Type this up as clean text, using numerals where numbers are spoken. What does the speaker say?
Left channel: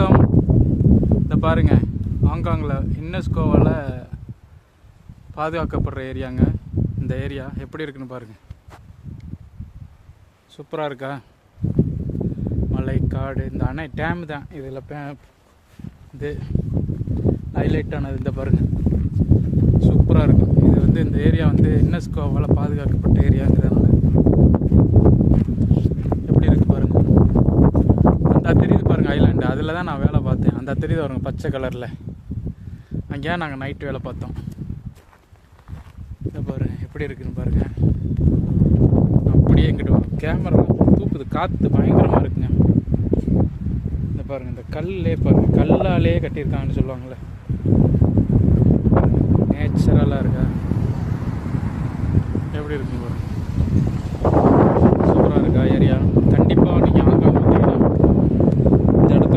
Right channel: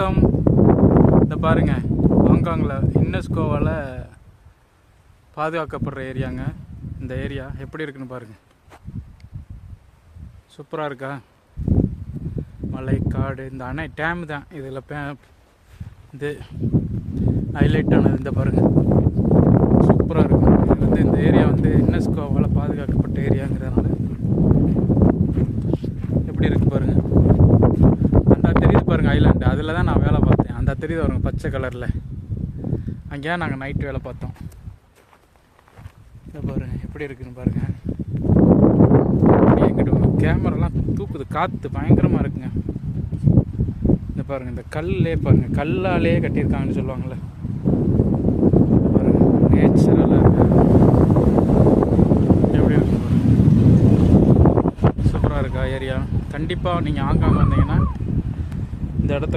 வணக்கம். இந்த பாருங்க, ஹாங்காங்கில் யுனெஸ்கோவால் பாதுகாக்கப்படுற ஏரியாங்க. இந்த ஏரியா எப்படி இருக்குன்னு பாருங்க. சூப்பராக இருக்கா? மலை, காடு, இந்த அணை டேம் தான் இதில் இது ஹைலைட் ஆனது. இந்த பாருங்க, சூப்பராக இருக்கும். இது வந்து இந்த ஏரியா வந்து யுனெஸ்கோவால் பாதுகாக்கப்பட்ட ஏரியாங்கிறதுனால எப்படி இருக்கு பாருங்க. அந்த தெரியுது பாருங்க ஐலாண்டு, அதில் தான் நான் வேலை பார்த்தேன். அந்த தெரியுது பாருங்க பச்சை கலரில், அங்கேயா நாங்கள் நைட் வேலை பார்த்தோம். இதை பாருங்க எப்படி இருக்குன்னு பாருங்க. அப்படியே எங்கிட்ட வரும் கேமராலாம் தூக்குது, காற்று பயங்கரமாக இருக்குங்க. இந்த பாருங்க, இந்த கல்லே பாருங்க, கல்லாலே கட்டியிருக்காங்கன்னு சொல்லுவாங்கள்ல, பாருங்க நேச்சுரலாக இருக்கா, எப்படி இருக்குன்னு பாருங்க. சூப்பராக இருக்கா ஏரியா. கண்டிப்பாக நீங்கள் ஹாங்காங் வந்தீங்கன்னா இந்த இடத்த